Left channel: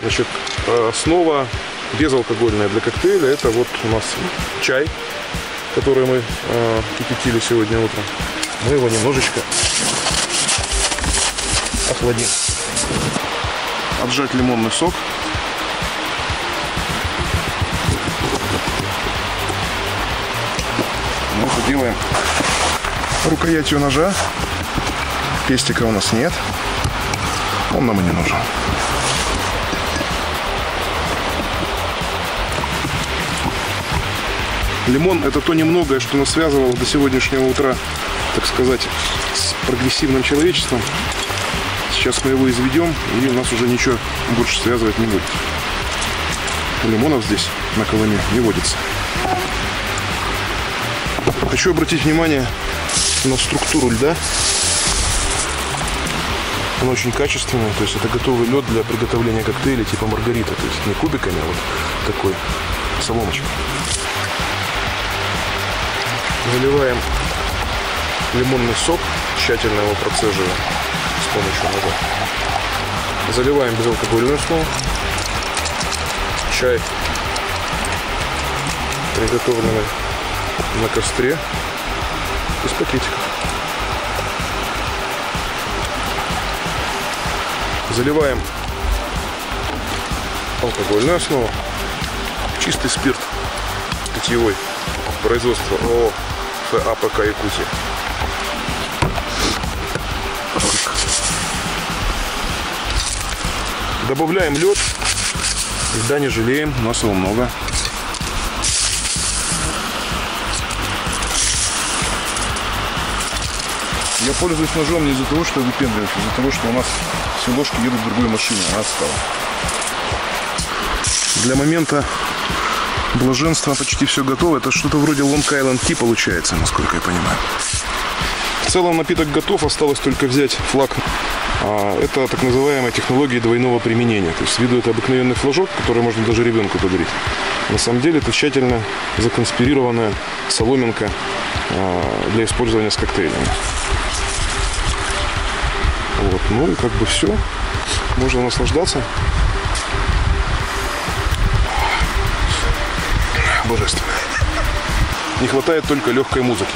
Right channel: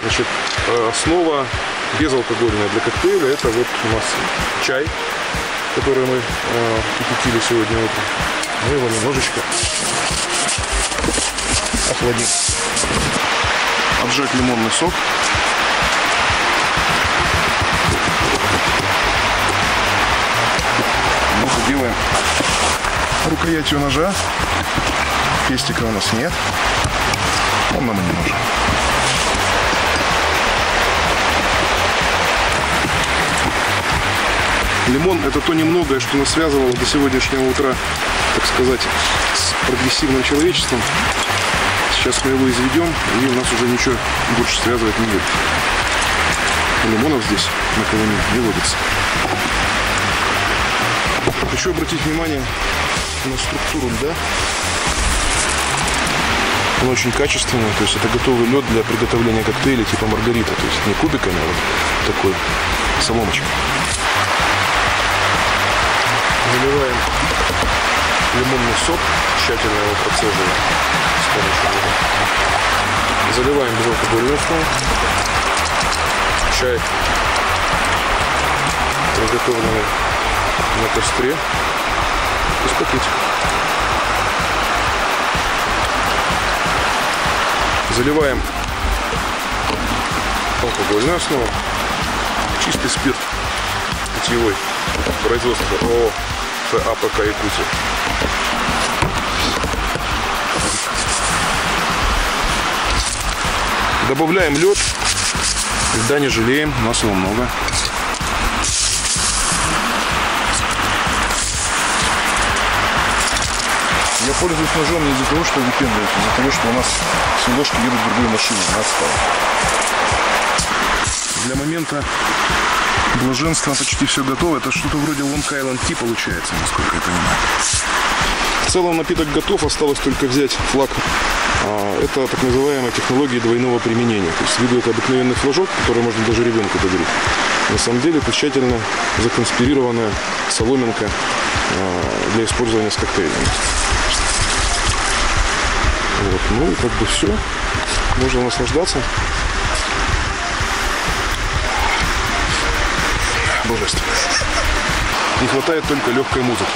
Значит, основа безалкогольная для коктейля — это вот у нас чай, который мы кипятили сегодня утром. Мы его немножечко охладим. Отжать лимонный сок. Мы это делаем рукоятью ножа. Пестика у нас нет. Он нам и не нужен. Лимон — это то немногое, что нас связывало до сегодняшнего утра, так сказать, с прогрессивным человечеством. Сейчас мы его изведем, и нас уже ничего больше связывать не будет. Лимонов здесь на Колыме не водится. Хочу обратить внимание на структуру льда. Он очень качественный, то есть это готовый лед для приготовления коктейлей типа маргарита. То есть не кубиками, а вот такой соломочкой. Заливаем лимонный сок, тщательно его процеживаем с помощью ножа. Заливаем безалкогольную основу. Чай, приготовленный на костре, из пакетиков. Заливаем алкогольную основу. Чистый спирт питьевой. Производство ООО ФАПК Якутия. Добавляем лед. Льда не жалеем, у нас его много. Я пользуюсь ножом не из-за того, что я выпендриваюсь, а из-за того, что у нас все ложки едут в другой машине, она отстала. Для момента блаженства почти все готово. Это что-то вроде Long Island Tea получается, насколько я понимаю. В целом напиток готов, осталось только взять флаг. Это так называемая технология двойного применения. То есть с виду это обыкновенный флажок, который можно даже ребенку подарить. На самом деле это тщательно законспирированная соломинка для использования с коктейлями. Вот. Ну и как бы все. Можно наслаждаться. Божественно. Не хватает только легкой музыки.